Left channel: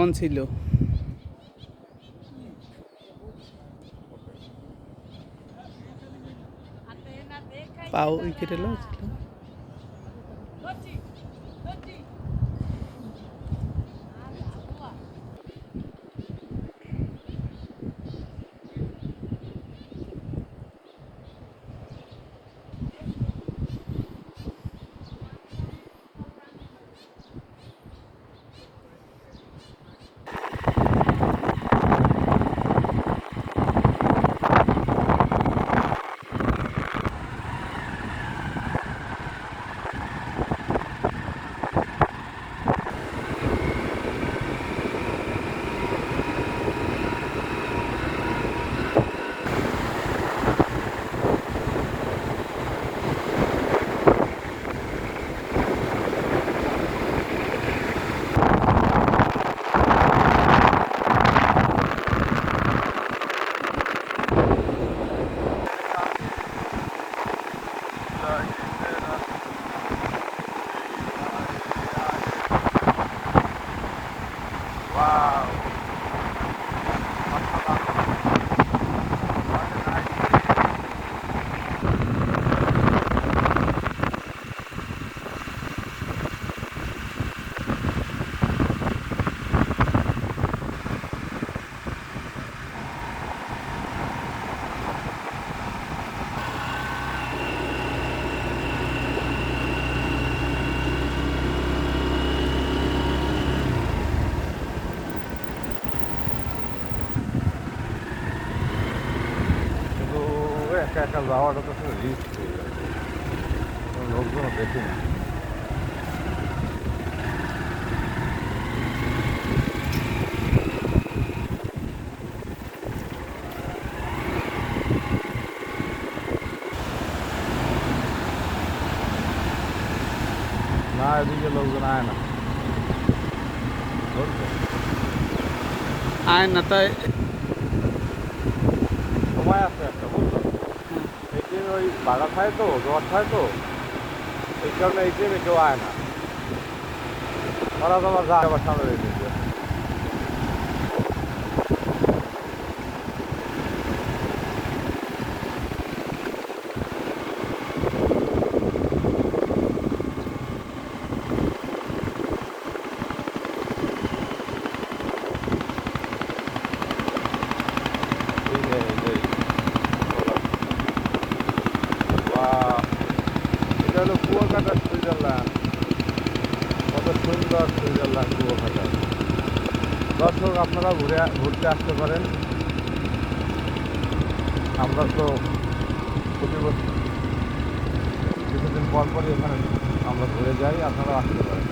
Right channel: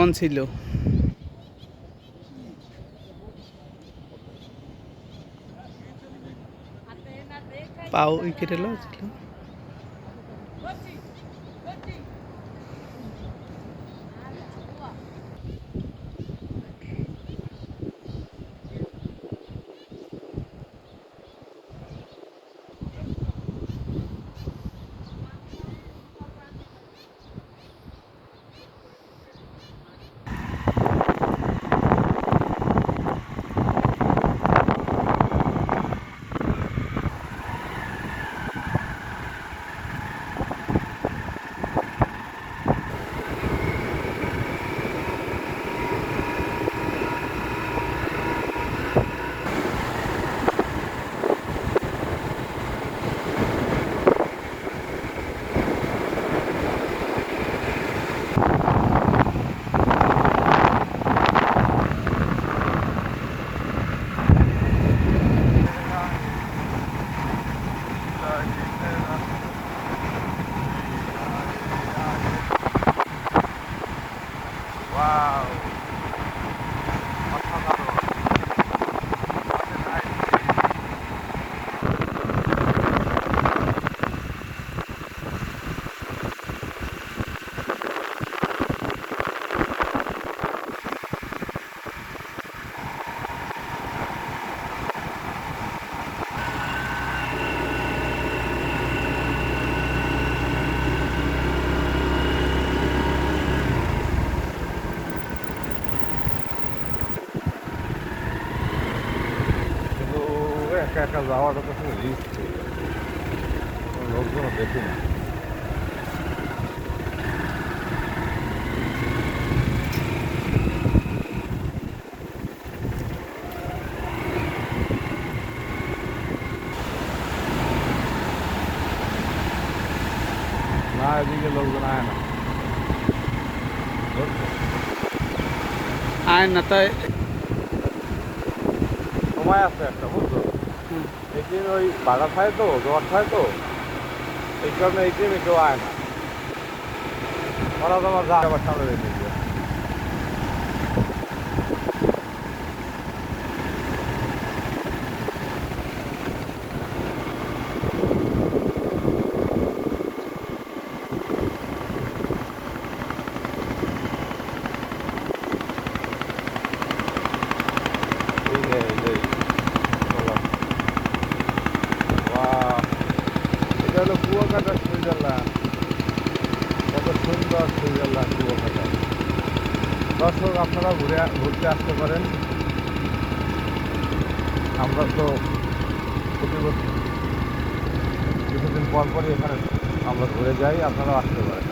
On ছিল। পাও উইকেটে ছিল। একা একা যাওয়াটা তো আসলে রিস্ক হয়ে যায়, কোনো লোকজনও দেখি না। না এদিকে লোকজন আয় না, আয় না তাই। সময় আছে একটা, বুঝলো? এই যে ওই ভাড়া থাকে তো, জোয়ার থাকে তো, এই কারণে এই টাইমে কেউ আয় না। ওরা তোমার যা আবার সামনে রেখে দিবে। এটা হলো কুয়াকাটা সুইজারল্যান্ড, কত সুন্দর সুইজারল্যান্ড কুয়াকাটা। দর্শক আপনারা ঘুরতে আসতে পারেন। আমরা তো প্রতি বছর কিছুদিন পর পরই এখানে আমরা ঘুরে যাই, আপনারাও আসতে পারেন।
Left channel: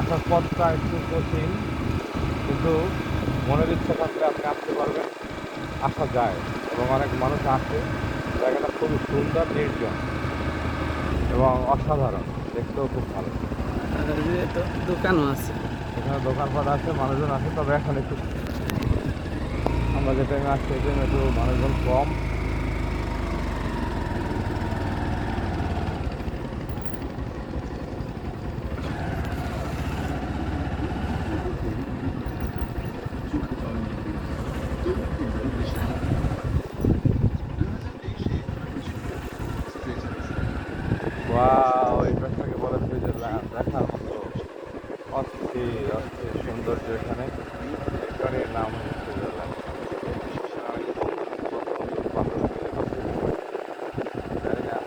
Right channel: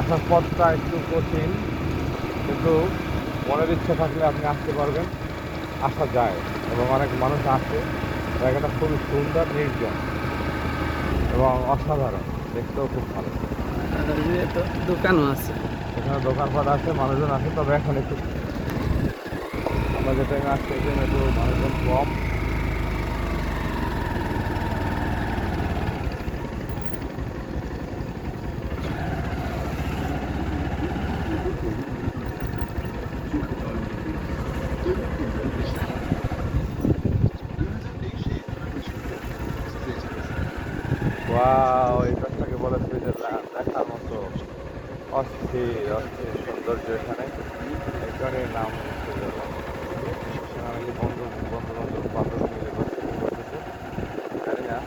আসার পথটা একটু কঠিন, কিন্তু মনের ইচ্ছা থাকলে আপনি আসতে পারবেন, আসা যায় এবং অনেক মানুষ আসে। জায়গাটা খুবই সুন্দর, নির্জন এবং অসাধারণ, দেখতেও খুব ভালো। তো দোকানও আছে, এখানে দোকানপাট আছে, মানুষজন আছে, তবে এখন একটু আমরা যে টাইমে আসছি এই টাইমে একটু মানুষজন কম। ওয়াও, এই গাছটাকে বলে সুইজারল্যান্ড, দেখার মতো অস্থির অস্থির সৌন্দর্য এখানে। এই কারণের নাম সুইজারল্যান্ড। অনেকে বন্ধু বন্ধু বান্ধব মিলে ঘুরতে করতেছে, জানি না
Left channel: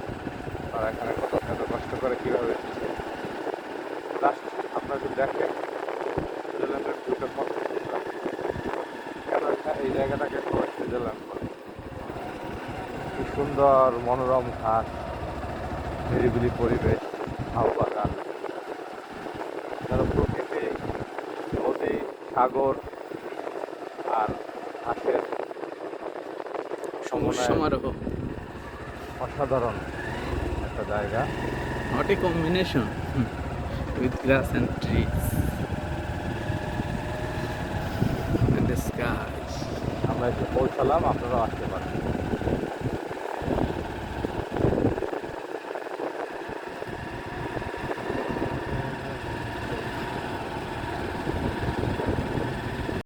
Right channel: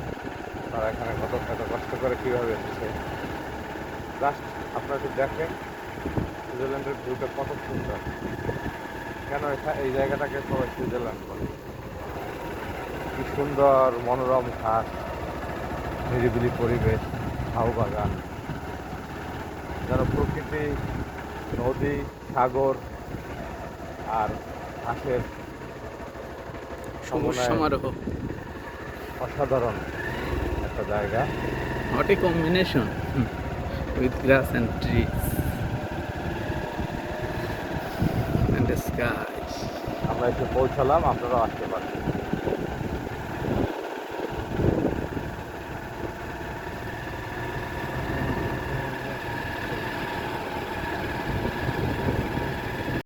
তারা এখানে এত কষ্ট করে কীভাবে এসেছে। জাস্ট আপনারা একটু দেখেন সুইজারল্যান্ডের ভিউটা কত সুন্দর। কেন এই জায়গাটাকে সবাই সুইজারল্যান্ড বলে? কি সুন্দর মনোরম ঘাট, নিরিবিলি পরিবেশ, ঝাউ বাগান, যারা প্রকৃতি, নদী, সাগর আর ঘাসের সমারোহ, অসাধারণ একটা জায়গা। Hot A combination with glass and trees and sky. আমরা এসে পৌঁছালাম, আপনারাও আসতে পারেন।